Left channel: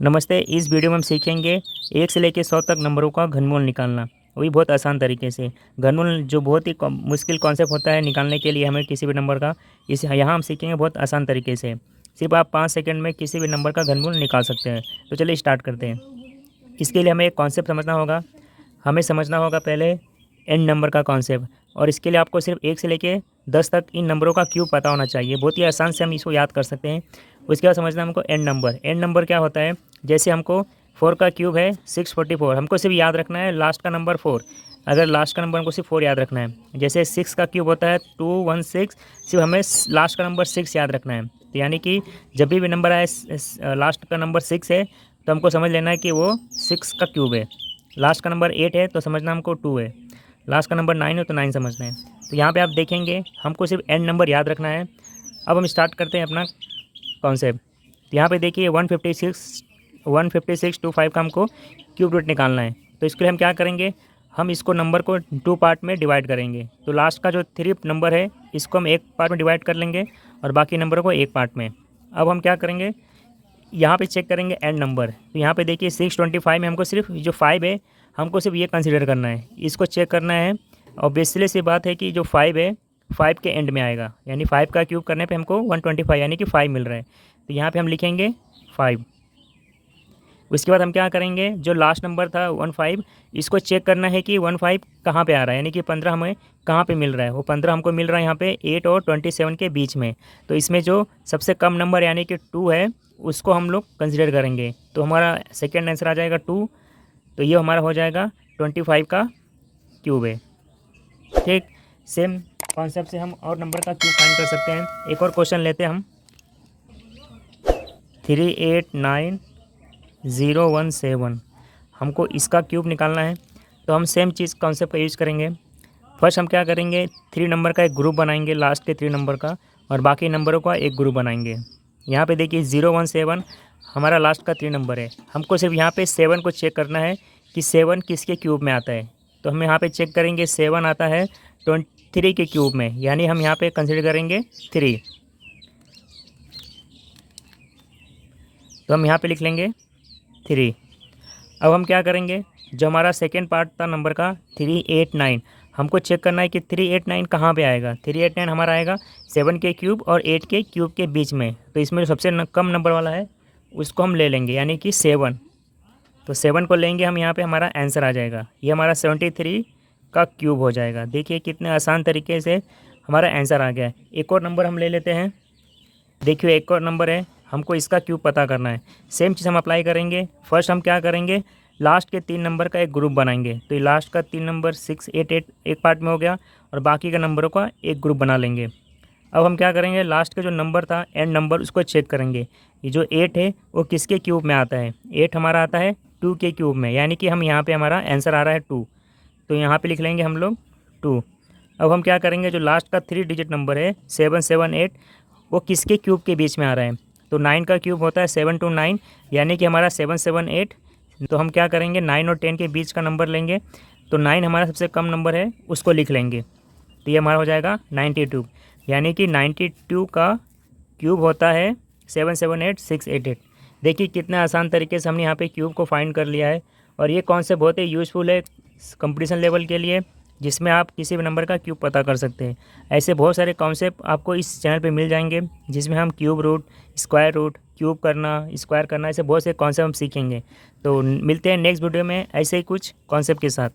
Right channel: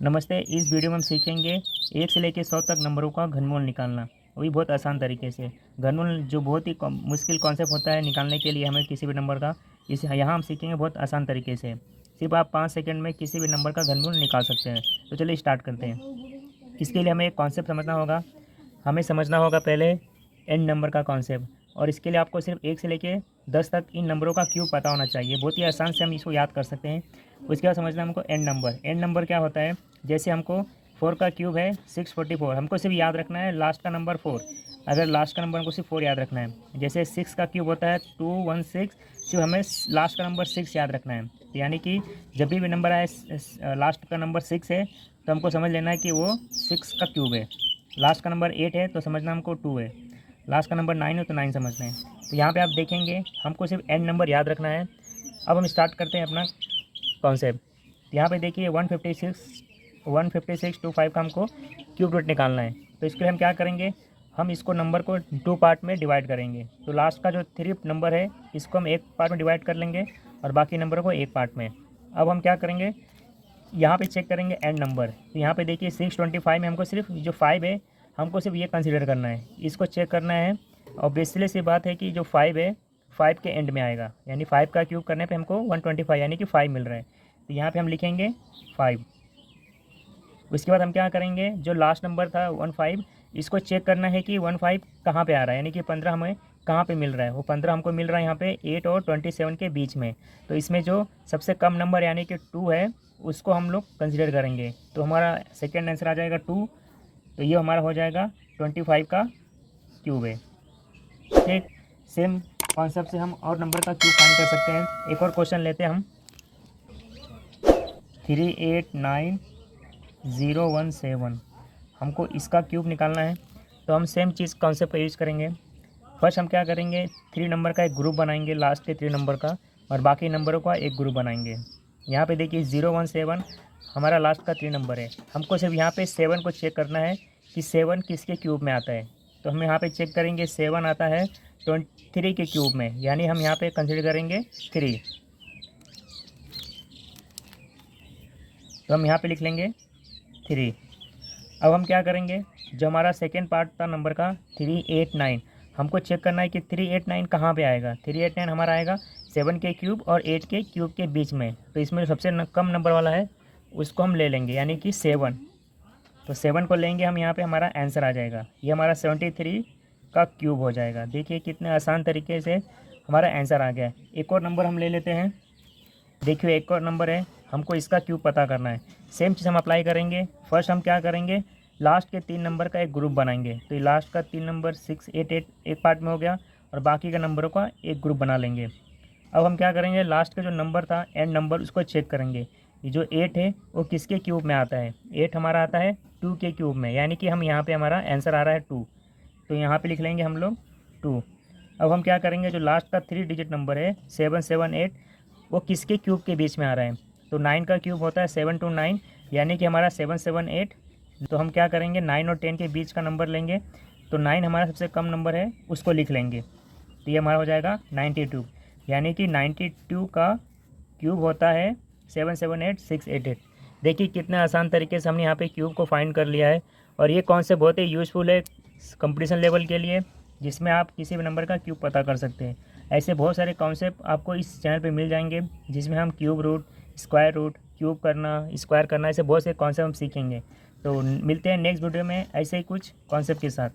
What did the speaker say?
नमस्ते। इस वीडियो में हम सीखेंगे 1 से लेकर 100 तक नंबरों का घनमूल निकालना, वो भी बहुत आसान तरीके से। घनमूल जो बहुत ही मुश्किल कॉन्सेप्ट होता है निकालने के लिए हमें किसी भी नंबर का, इस यहाँ हम सीखेंगे बहुत आसान तरीके से। सिर्फ आप 5 सेकंड में किसी भी नंबर का घनमूल निकाल सकते हैं। तो चलिए स्टार्ट करते हैं। इसके लिए हमें एक कॉन्सेप्ट समझना होगा। हमें समझना होगा पहले एन नंबर का कॉन्सेप्ट, और इसके लिए आपको सिर्फ 1 से लेके 10 तक इन नंबरों का क्यूब पता होना चाहिए। बहुत ही आसान से हम इसको याद कर सकते हैं। उसके बाद समझना हमको एन नंबर। एन नंबर क्या होता है? जैसे हमको 4 का क्यूब है 644, हमको सिर्फ याद रखना है लास्ट का नंबर 4। अगर लास्ट का नंबर हमको सिर्फ 4 याद रखना है। जैसे 6 का क्यूब होता है 216, सिर्फ हमें लास्ट का नंबर 6 याद रखना है। तो यानी कि जब भी नंबर आए लास्ट का नंबर 6 है तो हमको समझ लेना है कि वो 6 का क्यूब है। लास्ट का नंबर 8 है तो समझना हमको 2 है। लास्ट का नंबर 9 है तो 9 समझना है। तो यहाँ पे आप देखेंगे हमको सिर्फ एन नंबर याद रखना है। अब हम स्टार्ट करते हैं अपना कॉन्सेप्ट। यहाँ पे देखिए 156 टू 5 का हमको क्यूब रूट निकालना है। तो इसके लिए हम क्या करेंगे, हम इसको नंबर को 2 पार्ट में डिवाइड करेंगे। तो लास्ट का जो 3 नंबर है इसको हम एक पार्ट में डिवाइड कर लेंगे और बाकी नंबरों को एक पार्ट में। अब हम क्या करेंगे, यहाँ पे चेक करेंगे एंड नंबर। तो यहाँ पे देखिए 625 में हमको सिर्फ जो 5 है हमको सिर्फ ये कंसीडर करना है, इसको चेक करना है। और बेसिकली सी बात है कि जो 5 है 5 के एंड में आएगा, यानी 5 का क्यूब करने पे हमको 125 यानी कि 5 मिल रहा है। तो यहाँ पे हम लिखेंगे 5। उसके बाद हम क्या करेंगे, जो लास्ट नंबर था 15, इसको चेक करना है कि 15 कहाँ पे आ रहा है, यानी कि 15 हमें कहाँ पे मिल रहा है। वो 15 हमको मिल रहा है यहाँ पे 8 और 27 के बीच में। तो इसमें जो सबसे कम नंबर यानी कि 2 है उसको हम लोग कंसिडर करेंगे। तो हमारा सेकेंड आंसर आ जाएगा 2। तो ये हमारा हो जाएगा 25 का क्यूब है। ठीक सेम कॉन्सेप्ट से हम और नंबर का क्यूब फाइंड कर सकते हैं। एक और क्वेश्चन लेते हैं हम। 389017, हमको इसका क्यूब निकालना है। तो हम सेम चीज़ कॉन्सेप्ट का यूज़ करेंगे। फर्स्ट हम क्या करेंगे, 3 नंबर का एक ग्रुप बनाएंगे, लास्ट के 3 नंबर का, और बाकी नंबरों का एक ग्रुप बनाएंगे। यहाँ पे देखिए 017 हमारा लास्ट का 3 नंबर है। हमको सिर्फ यहाँ पे 7 को चेक करना है कि 7 किसके क्यूब में आता है। तो हम यहाँ पे चेक करेंगे 7 आता है 23 के क्यूब में, यानी हम यहाँ पे कंसिडर करेंगे 3। तो हम यहाँ पे लिख लेंगे 3। अब हम क्या करेंगे, जो हमारा सेकेंड पार्ट था नंबर का 389, हमको चेक करना है कि 389 कहाँ पे आएगा। 389 हमारा आएगा 7 के क्यूब और 8 के क्यूब के बीच में। तो इसमें जो सबसे कम नंबर वाला है उसको हम ले लेंगे, यानी कि 7। तो 7 को लेंगे हम, यहाँ पे हमारा आंसर आ जाएगा। ये हमारा 73 का क्यूब हो जाएगा। देखिए कितने आसान तरीके से हमारा आंसर आ गया है। एक और नंबर हम ले लेते हैं। देखिए एक और नंबर है, हमको इसका क्यूब पता करना है। सेम चीज़ हम अप्लाई करेंगे। फर्स्ट हम क्या करेंगे, लास्ट के 3 नंबर का एक ग्रुप बनाएंगे। तो ये लास्ट का 3 नंबर 688 एक पार्ट में हो गया, और बाकी के नंबरों का एक ग्रुप बना लेंगे। अब हम क्या करेंगे, लास्ट का जो नंबर था एंड नंबर उसको चेक करेंगे। ये जो 8 है वो किसके क्यूब में आता है। 8 हमारा आता है 2 के क्यूब में, यानी कि हम यहाँ पर हमारा आंसर आ रहा है 2। तो यहाँ पर लिख लेंगे हम लोग 2। अब हम क्या करेंगे, जो लास्ट का 3 डिजिट नंबर है 778, वो किसके क्यूब के बीच में आ रहा है। तो 9 का क्यूब होता है 7 to 9, यानी कि हमारा 778। तो हम क्या करेंगे, 9 और 10 के बीच का नंबर लेंगे। तो 9 हमारा सबसे कम नंबर है, उसको लिख लेंगे। तो ये हमारा हो जाएगा 92, यानी कि 92 का क्यूब होता है 778688। देखिए कितने आसान तरीके से हमने यहाँ पे क्यूब को फाइंड कर लिया है। और ये कॉन्सेप्ट बहुत ही यूज़फुल है कंपटीशन लेवल के लिए, जिसमें आप किसी भी नंबर का क्यूब पता कर सकते हैं। ऐसे बहुत सारे कॉन्सेप्ट आपको इस चैनल पे मिल जाएंगे, जिसमें हम cube root, square root, cube करना, स्क्वायर करना, ऐसे बहुत से कॉन्सेप्ट हम सीखेंगे। तो मिलते हैं नेक्स्ट वीडियो में ऐसे ही कुछ कॉन्सेप्ट के साथ।